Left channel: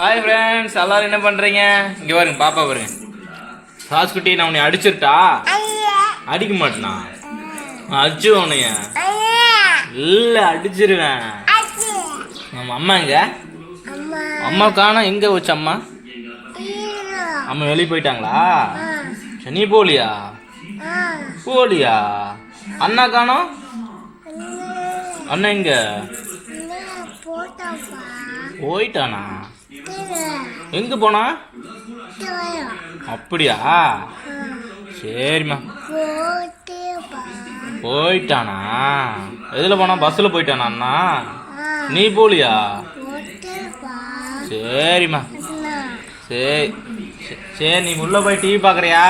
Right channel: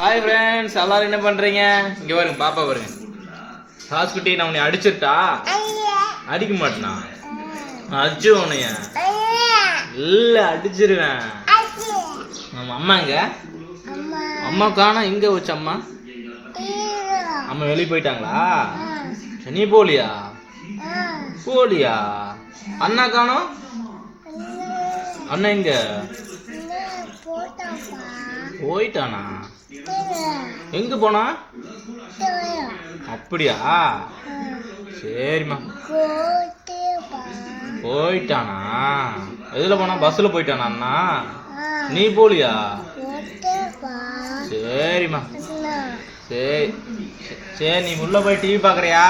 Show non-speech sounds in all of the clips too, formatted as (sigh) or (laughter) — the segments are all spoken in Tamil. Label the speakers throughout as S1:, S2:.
S1: ஹாய் ஃப்ரெண்ட்ஸ் எல்லாரும் என்ன பண்றீங்க? இங்க பாருங்க பாப்பா பாருங்க. ராஜ்குட்டி நான் உன்னை அடிச்சிருட்டா? அடிக்க மாட்டேனா? அடிச்சு உன்னைய. இல்ல அடிச்சிருவேன். நம்ம அம்மா எங்க? அம்மா. காணோம். எங்க வச்சு அம்மா? அம்மா வெளியே போயிட்டாங்களா? நீ போலியா போலியா அண்ணா காணோம்? அண்ணா. எங்க? போயிட்டானா? எங்க போனா? அப்படியா? சரிம்மா. போயிட்டானா? எதுல போனா? பஸ்ல போயிட்டானா அண்ணா? நீ போலியா? சரிம்மா. சரி. சரி, நீ உள்ள போய் டிவி பார்க்குறியா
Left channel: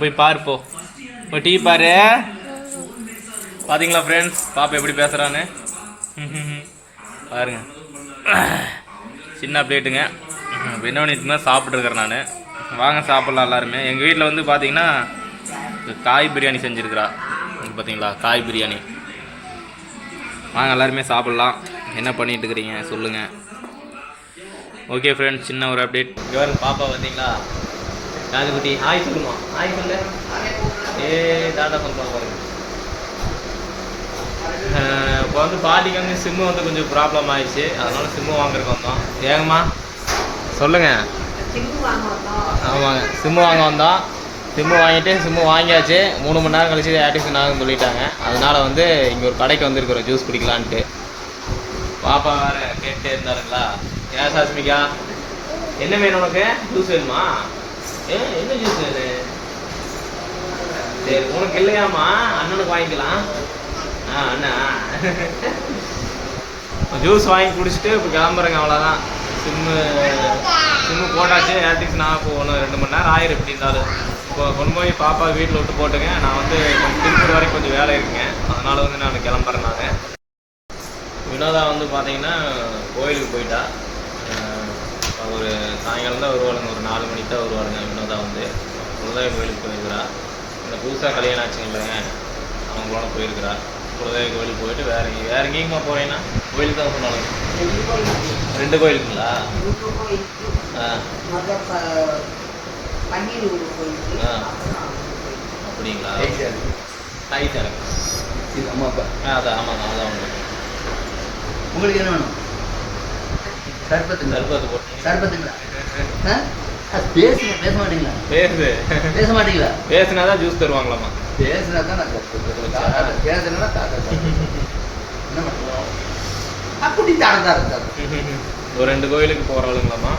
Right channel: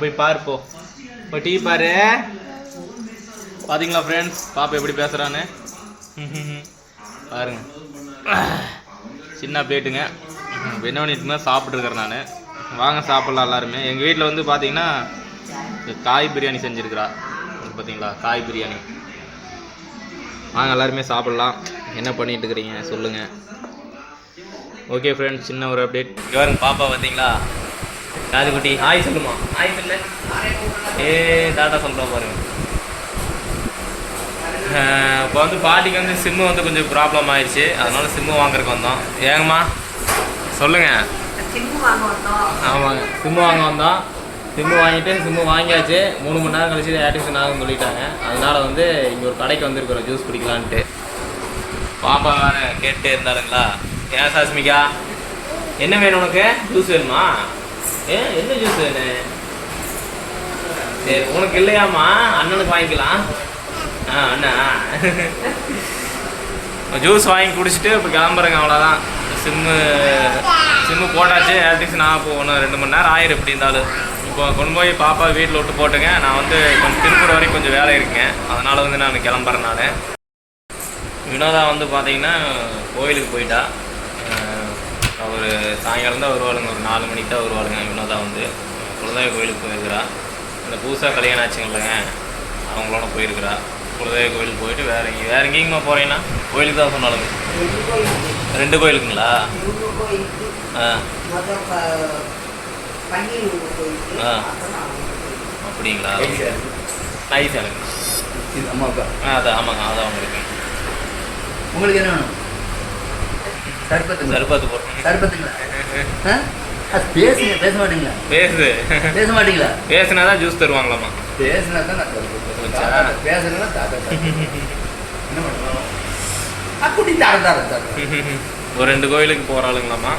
S1: போய் பாரு போ. போய் டிவி பாரு. பாத்தீங்களா ஃப்ரெண்ட்ஸ் பாப்பா எப்படி பேசுறான்னு? பாருங்க. சின்ன பிளேட்டுங்க இப்போ என்ன பண்ணிட்டுங்க சாப்பிட்ருக்கேன் நான். வாங்க சாப்பிட்லாம் எல்லாருமே. எங்கள் வீட்டில் வந்து பார்த்தீங்கன்னா காய் பிரியாணி செஞ்சுருக்குறா. பார்த்தீங்களா காய் பிரியாணி. வாங்க எல்லாருமே சாப்பிட்லாம். என்ன பண்ணிகிட்டு இருக்கிறீங்க? சொல்லுங்கள் ஓகே ஃப்ரெண்ட்ஸ் சின்ன ஒரு அப்டேட் கேர்ள் பாப்பா பார்த்தீங்களா குட்டி ஹாய் சொல்லுமா? ஹாய் சொல்லு. ஏ டாட்டா சொல்கிறோம் பாருங்கள் இப்போ வந்து பாட்டிக்கு வந்து சிம்மு வந்து கொஞ்சம் ப்ராப்ளம் ஆயிடுச்சு. அதனால சிம்மு வாங்குறதுக்கு வந்தோம். ஏங்கம்மா? சொல்லுங்கள்
S2: சிம்மு வாங்க வந்தோம்.
S1: ஆமாங்க. சிம்மு வாங்க வந்தோம். சிம்மு வாங்கிட்டு சிம்மு வாங்கியாச்சு. மூணு மணி நேரம் கழிச்சு ஆக்டிவேஷன் ஆகும்னு சொல்லிட்டாங்க. அதனால வந்து இங்கே ஒரு கடைக்கு வந்திருக்கிறோம். ஜூஸ் குடிக்கலான்ட்டு. பாப்பா வேற கேட்டே இருந்தாருங்களா? ஏன் சாஸ்மிகா? என்ன வேணும் உனக்கு? ஜூஸ் வேணுமா? ஏ என்ன ஜூஸ் வேணும்? சரி உனக்கு இல்லையாம்மா? அண்ணனுக்கு வாங்கிக்கலாம். ஜூஸ் வாங்கி குடிச்சிட்டு இப்போ கிளம்புறேங்க அவ்வளோதான் சிம்மு சிம்மு போட்டாச்சு எலக்ட்ரிக்ஸ் நான் இப்போ ஒன்று ரெண்டு மணி நேரம் ஆயிரும் எப்படி இருந்தாலும். இப்போ கொண்டு போய் பாப்பா வீட்டில் விட்டு போட்டுங்க. நான் வந்து கொஞ்சம் திருப்பூர் வரைக்கும் கொஞ்சம் வேலை இருக்குங்க. அதனால் வந்து நான் கிளம்புறேன் நான். வினோதா வந்து பார்த்தீங்கன்னா கோயிலுக்கு போயிட்டா. அவர் சாயங்காலம் தான் வருவாளுங்க ஒரு நாலு மணிக்கு தான் வருவாளுங்க வினோதா வந்து. குலதெய்வ கோயிலுக்கு போயிருக்கிறா. இந்த புதுசாக கல்யாணம் ஆச்சுங்களேன் அவங்களோட போயிருக்கிறா. குலதெய்வ கோயிலுக்கு போயிட்டு வேற எங்கே வேற எங்கேயுமா போகிறீங்கன்னா கோயிலுக்கு தான் சொன்னாலுங்க ரெண்டு கோயிலுக்குங்களா? ஆ.
S2: ப-
S1: ஆ. அப்படிங்களா? கை
S3: அப்பா.
S1: ஆ அதான் ஆமாங்க அதான் இருக்கு
S3: உங்களுக்கு என்ன வேணும்? சர்பத்துங்களா?
S1: சர்பத்து போட்டு
S3: சர்பத்துங்களா? பேசுங்க பேச மாட்டீங்களா?
S1: பேசு.
S3: பேச மாட்டீங்களா?
S1: பேசுனா தான் ஜூஸ் தருவாங்களாம்மா.
S3: பேசுனா தான் நான் தாத்தா என்ன பண்ணுறோம்? அப்படி (laughs)
S1: ஒரு ரெண்டு கோயிலுக்கு போகிறாளுங்களாம்மா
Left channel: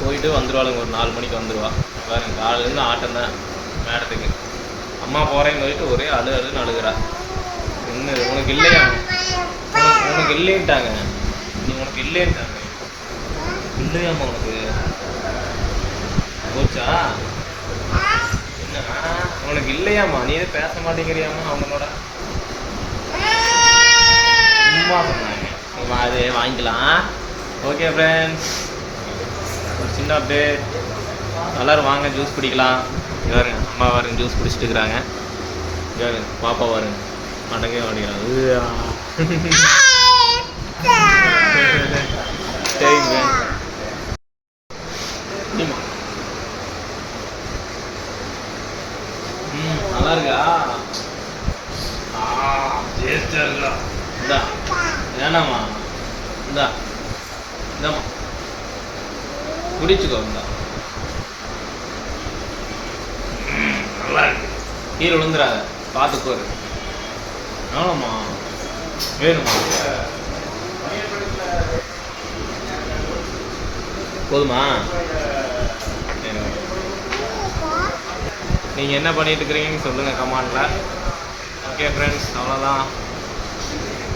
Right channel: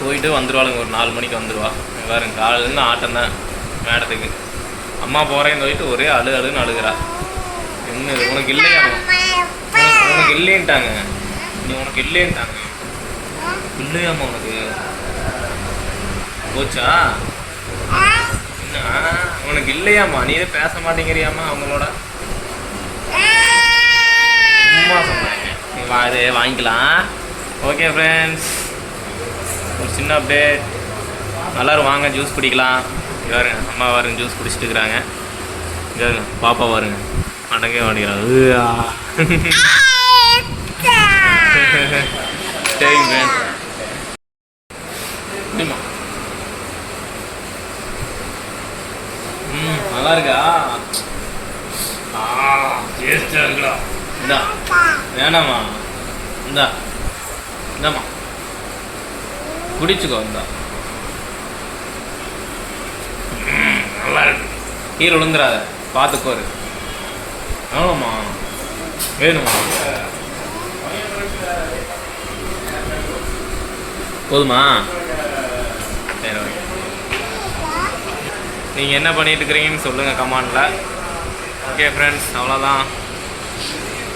S1: போயிட்டு வந்துடுவாளுங்க ஒரு நாலு மணிக்கு வந்துடுவா பாருங்க காலையிலேருந்து ஆட்டம் தான் மேடத்துக்கு. அம்மா போகிறேன்னு சொல்லிட்டு ஒரே அழு அழுன்னு அழுகிறா. என்ன உனக்கு இல்லையா? உனக்கு இல்லைன்ட்டாங்க. நீ உனக்கு இல்லைன்ட்டாங்க. இல்லையாம்மா உனக்கு? போச்சா? உனக்கு இல்லையாம்மா. நீ பேச மாட்டேங்கிறியாம்மா அவங்களோட? சும்மா சொன்னாங்க. நீ வா இது வாங்கிக்கலாம். ஓகே ஃப்ரெண்ட்ஸ் ஒரு சின்ன அப்டேட் எல்லாரும் வாங்க ஜூஸ் குடிக்கலாம். பாருங்க அம்மா பாருங்க ஜூஸ் குடிச்சிட்டு இருக்கிறாங்க பாருங்க பாப்பா பாருங்க. அடங்கே மாட்டேங்கிறாங்க. (laughs) (laughs) சரிங்க ஃப்ரெண்ட் ம் நல்லா இருக்கா ஆ இந்தா. வேணாமா இந்தா. இந்தாம்மா. குடிச்சுக்கோ இந்தா. நல்லா இருக்கு. கீழே விழுந்துடாத பார்த்துக்கோரு ஆமாம்மா வேணுமா? போதுமா? சரி ஓகே. நீங்கள் என்ன பண்ணிட்டு இருக்கிறீங்கன்னு சொல்லுங்கள் கமாண்டில். ஓகே ஃப்ரெண்ட்ஸ் அவ்வளோதான்.